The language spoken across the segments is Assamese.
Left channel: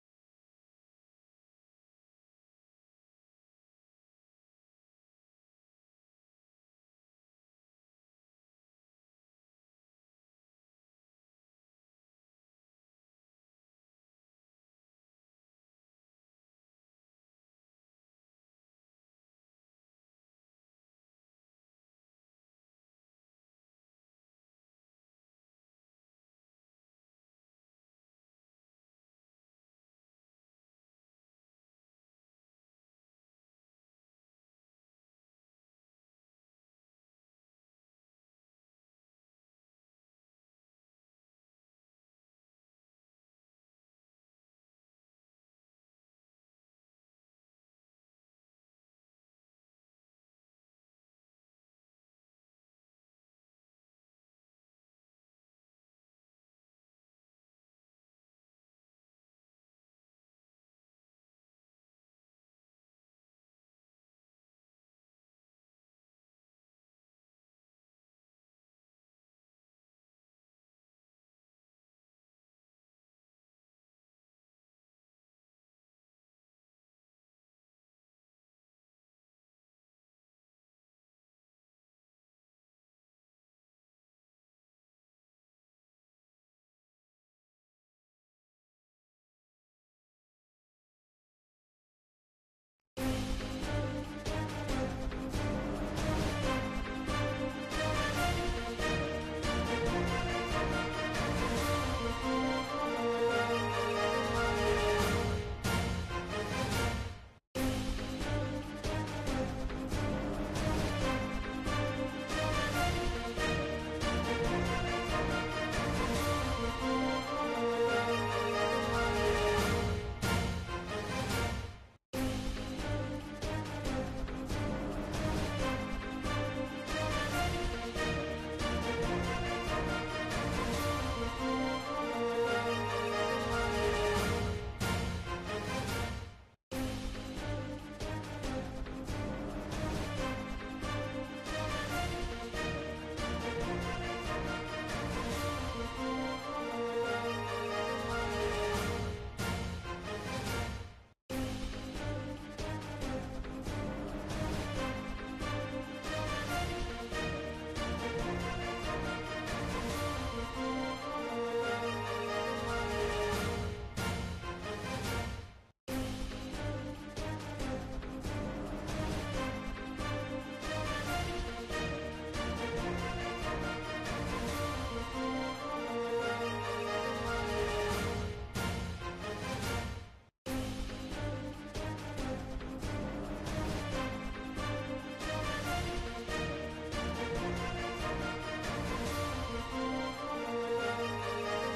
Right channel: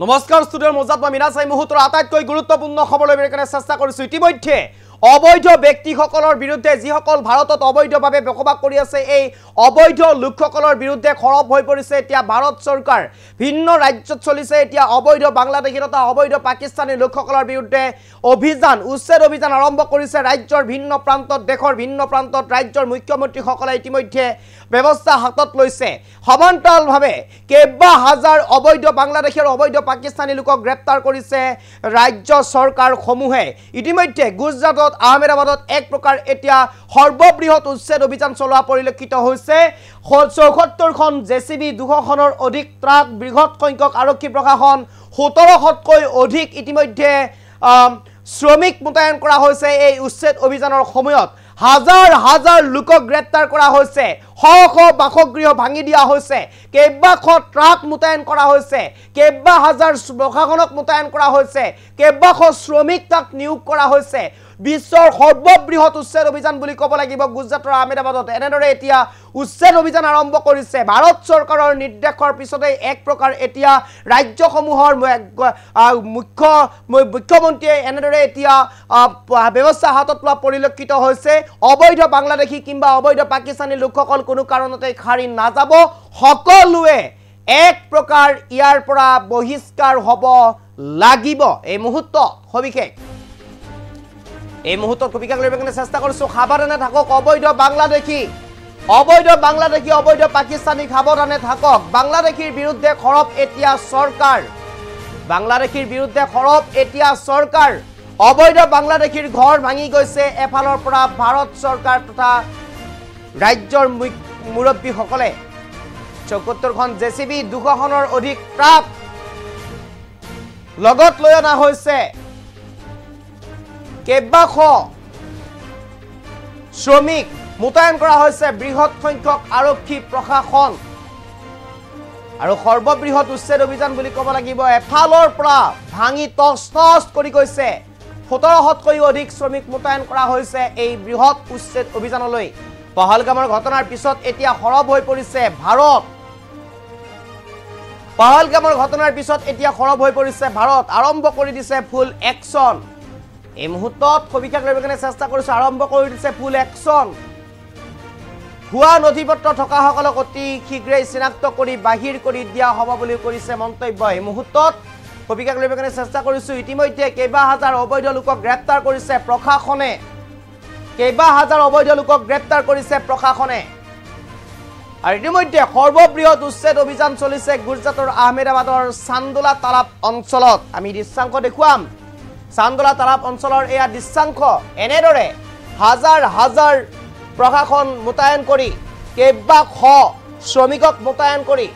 নমস্কাৰ ষ্টুডিঅ'ৰ মজাত মই মিনা চাই মুহূৰ্তৰ আটাইতকৈ গুৰুত্বপূৰ্ণ খবৰ লৈ কাৰণে চেষ্টা কৰিছো। ইতিমধ্যে অবৈধ ব্যক্তিসকলৰ বিৰুদ্ধে যিসকল ভাৰতত অবৈধভাৱে বসবাস কৰি আছে এই অবৈধ লোকসকলৰ বিৰুদ্ধে খৰব হৈ পৰিছে এতিয়া ভাৰত চৰকাৰ। ভিন্ন ৰাজ্যত চলিছে এতিয়া অবৈধ বাংলাদেশী তথা অবৈধ পাকিস্তানী লোকসকলৰ বিৰুদ্ধে অভিযান উচ্ছেদ অভিযান আৰম্ভ কৰিছে ৰাজ্যৰ ভিন্ন প্ৰান্তত দেশৰ ভিন্ন প্ৰান্তত ৰাজ্যৰ মুখ্যমন্ত্ৰীসকলে ইতিমধ্যে ব্যৱস্থা হাতত লৈছে। সমান্তৰালভাৱে কেইবা হাজাৰ অবৈধ বাংলাদেশী আৰু অবৈধ পাকিস্তানী লোকক গ্ৰেপ্তাৰ কৰিছে ৰাজ্য চৰকাৰসমূহে। ইতিমধ্যে গুজৰাটত আহমেদাবাদত এক প্ৰকাৰ এতিয়া সৰ্ববৃহৎ উচ্ছেদ অভিযান চলোৱা পৰিলক্ষিত হৈছে। ৭৪খন জেচিবি ২০০খনৰ অধিক ট্ৰাক বৃহৎ সংখ্যক আৰক্ষী প্ৰশাসন ১৭০০তকৈ অধিক ইতিমধ্যে শ্ৰমিক মোতায়েন কৰা হৈছে। এই উচ্ছেদ অভিযানৰ সময়ত হাজাৰ হাজাৰ লোকক গ্ৰেপ্তাৰ কৰা হৈছে, শ শ বাসগৃহ ভাঙি দিয়া হৈছে, কেইবাশ ট্ৰাক মোতায়েন কৰা হৈছে, কেইবা হাজাৰ প্ৰশাসনক মোতায়েন কৰা হৈছে, কেইবাশ শ্ৰমিক তাক নিয়োগ কৰা হৈছে। বিশ্বৰ সৰ্ববৃহৎ উচ্ছেদ অভিযান বুলি ক'ব লাগিব গুজৰাটৰ আহমেদাবাদত। এনেদৰে এতিয়া উচ্ছেদ অভিযান আৰম্ভ কৰিছে ভাৰত চৰকাৰৰ নিৰ্দেশৰ পিছতে এক প্ৰকাৰ এতিয়া ৰাজ্যসমূহৰ মুখ্যমন্ত্ৰীয়ে এনেদৰে এতিয়া ব্যৱস্থা হাতত লোৱা পৰিলক্ষিত হৈছে। অবৈধ বাংলাদেশী কিংবা অবৈধ পাকিস্তানী লোকসকল কোনো কাৰণতে খাৰি নাযাব, সকলোৱে এক প্ৰকাৰ ইয়াৰ পৰা বহিষ্কাৰ হ'ব লাগিব। এই মুহূৰ্তত সবিশেষ লৈ কাৰণে চেষ্টা কৰিছো। সাৱধানে থাকক অবৈধ বাংলাদেশী অবৈধ পাকিস্তানী, সাৱধানে থাকক। বাংলাদেশীৰ বিৰুদ্ধে খৰব এতিয়া চৰকাৰ, বাংলাদেশীৰ বিৰুদ্ধে খৰব এতিয়া চৰকাৰ। অবৈধ বাংলাদেশীৰ ঘৰ ভাঙি গৈছে এফালৰ পৰা ভাৰত চৰকাৰ তথা ৰাজ্যৰ মুৰব্বীসকলে। ৭৪খন জেচিবি ২০০খনৰ অধিক ট্ৰাক লগত লৈ অনা হৈছে, কেইবাশ শ্ৰমিক মোতায়েন কৰা হৈছে, বৃহৎ সংখ্যক আৰক্ষী প্ৰশাসন আৰু সৰ্ববৃহৎ উচ্ছেদ অভিযান বুলি ক'ব লাগিব। এফালৰ পৰা ভাঙি টচ কৰি গৈছে, ১৭০০তকৈও অধিক শ্ৰমিক মোতায়েন কৰা হৈছে এই বৃহৎ উচ্ছেদ অভিযানলৈ। পহলগামৰ ঘটনাৰ পিছত এতিয়া সৰব হৈ পৰিছে ভাৰত। পহলগামৰ ঘটনাৰ পিছত এতিয়া সৰব হৈ পৰিছে ভাৰত, আৰম্ভ কৰি দিছে ফুল একশ্যন। এই মুহূৰ্তত সবিশেষ লৈ কাৰণে চেষ্টা কৰিছো, আৰম্ভ কৰি দিছে ফুল একশ্যন। ভুৱা নথিপত্ৰ থকাসকলক অতি শীঘ্ৰেই চিনাক্ত কৰি বাহিৰ কৰি দিয়া হ'ব বুলি কৰিছে মন্তব্য। এই মুহূৰ্তত সবিশেষ লৈ কাৰণে চেষ্টা কৰিছো। ইতিমধ্যে কেইবা হাজাৰ অবৈধ লোকক গ্ৰেপ্তাৰ কৰিছে প্ৰশাসনে, কেইবা হাজাৰ অবৈধ লোকক গ্ৰেপ্তাৰ কৰিছে প্ৰশাসনে। আৰু ইতিমধ্যে সৰ্ববৃহৎ উচ্ছেদ অভিযান চলিছে গুজৰাটৰ আহমেদাবাদৰ চান্দোলা তালাব অঞ্চলত। আমি দৃশ্যাংশ দেখুৱাম। চান্দোলা তালাব অঞ্চলৰ এয়া দৃশ্যাংশ। এনেদৰে হাজাৰ হাজাৰ প্ৰশাসন মোতায়েন কৰি, কেইবাশ শ্ৰমিকক মোতায়েন কৰি,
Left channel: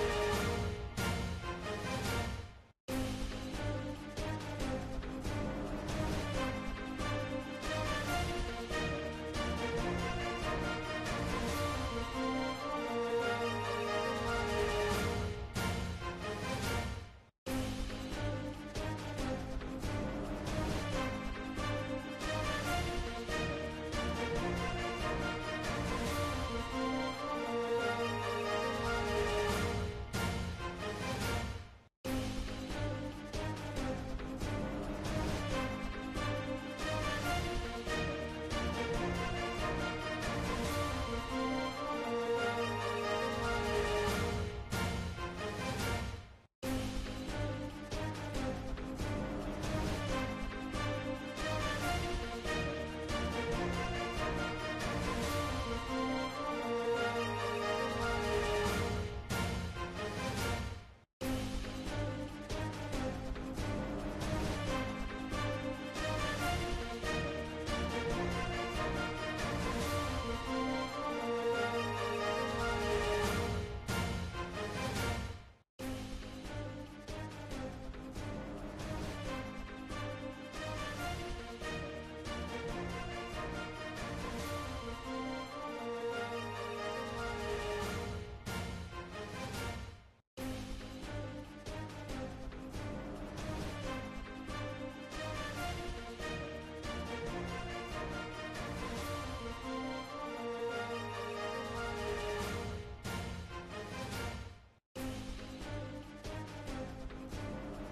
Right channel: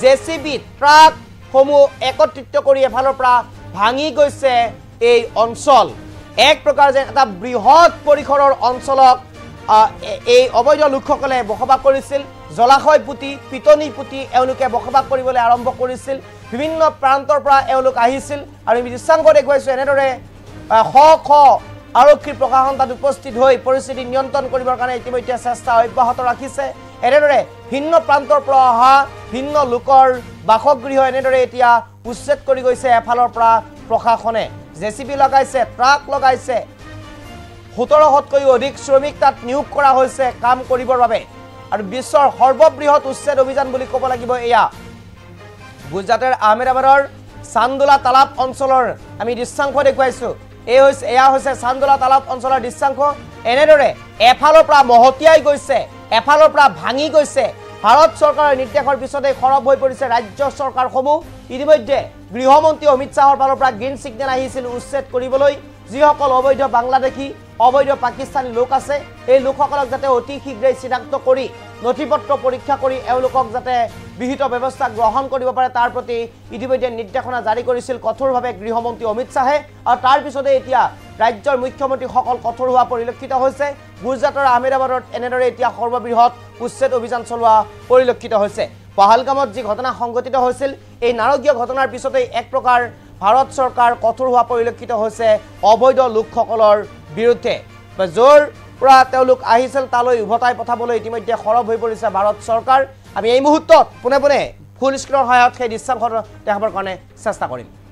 জেচিবি ট্ৰাকসমূহ একত্ৰিত কৰি এফালৰ পৰা ভাঙি গৈছে এই অঞ্চল। এক প্ৰকাৰ যে এটা বৃহৎ পৰিসৰৰ অঞ্চলক এই অবৈধ লোকসকলে বসবাস কৰিছিল। জলাশয় পুতি, পিটনি পুতি এওঁলোকে বসবাস কৰিবলৈ আৰম্ভ কৰিছিল। বিভিন্ন প্ৰান্তৰ পৰা এওঁলোক আহিছিল আৰু আমি দৃশ্যাংশ দেখুৱাইছোঁ। এনেদৰে শ শ আৰক্ষী প্ৰশাসন তাত উপস্থিত হৈ পৰিস্থিতি নিয়ন্ত্ৰণ কৰিবৰ কাৰণে ইতিমধ্যে চেষ্টা অব্যাহত ৰাখিছে। এনেদৰে ভিন্ন প্ৰান্তৰ পৰা অহা ভিন্ন লোকৰ বাসগৃহ এনেদৰে এতিয়া উচ্ছেদ কৰি গৈছে এফালৰ পৰা প্ৰশাসনে। জেচিবি লগাইছে, ট্ৰাক লগাইছে, ১৭০০তকৈও অধিক শ্ৰমিক তাত নিয়োগ কৰা হৈছে কাম কৰিবৰ বাবে। আৰু বিশ্বৰ সৰ্ববৃহৎ উচ্ছেদ অভিযান বুলি ক'ব লাগিব এয়া। গুজৰাটৰ আহমেদাবাদৰ চান্দোলা তালাব অঞ্চলৰ আমি দৃশ্যাংশ দেখুৱাইছোঁ। এয়া হৈছে চান্দোলা তালাব অঞ্চলৰ দৃশ্যাংশ। এনেদৰে এফালৰ পৰা মহতিয়াই গৈছে, এফালৰ পৰা ভাঙি গৈছে। ভাৰত চৰকাৰৰ নিৰ্দেশৰ পিছতে সৰব হৈ পৰিছে ৰাজ্য চৰকাৰসমূহ। ইতিমধ্যে গৃহমন্ত্ৰী অমিত শ্বাহৰ ফালৰ পৰা গ্ৰীণ ছিগনেল আহিছিল উচ্ছেদ কৰিবলৈ। যিসকল অবৈধ বাংলাদেশী অবৈধ পাকিস্তানী লোক আছে এই লোকসকলক যাতে অতি শীঘ্ৰেই চিনাক্ত কৰি নথিপত্ৰ পৰীক্ষা কৰি এওঁলোকক যাতে বিহিত ব্যৱস্থা গ্ৰহণ কৰিব পাৰে তাৰ প্ৰতি ইতিমধ্যে নিৰ্দেশনা জাৰি কৰিছিল কঠোৰভাৱে গৃহমন্ত্ৰী অমিত শ্বাহে। আৰু তাৰ পিছতে এতিয়া ৰাজ্যৰ মুখ্যমন্ত্ৰীসকল কঠোৰ হোৱা পৰিলক্ষিত হৈছে। গুজৰাটৰ আহমেদাবাদত এনেদৰে এতিয়া সৰ্ববৃহৎ উচ্ছেদ অভিযান চলোৱা পৰিলক্ষিত হৈছে। পহলগামত যি ঘটনা সংঘটিত হৈছিল এই নাৰকীয় ঘটনাৰ পিছতেই এক প্ৰকাৰ ভাৰত চৰকাৰ কঠোৰ হোৱা পৰিলক্ষিত হৈছে অবৈধ লোকসকলৰ বিৰুদ্ধে। য'ৰ পৰা তেওঁলোক আহিছিল তালৈ উভতাই পঠাবলৈ ইতিমধ্যে সৰব হৈ পৰিছে ভাৰত চৰকাৰ। আমি এই মুহূৰ্তত পোনে পোনে ফুল স্ক্ৰীনৰ সহায়ত সেই দৃশ্যাংশ দেখাবৰ কাৰণে চেষ্টা কৰিম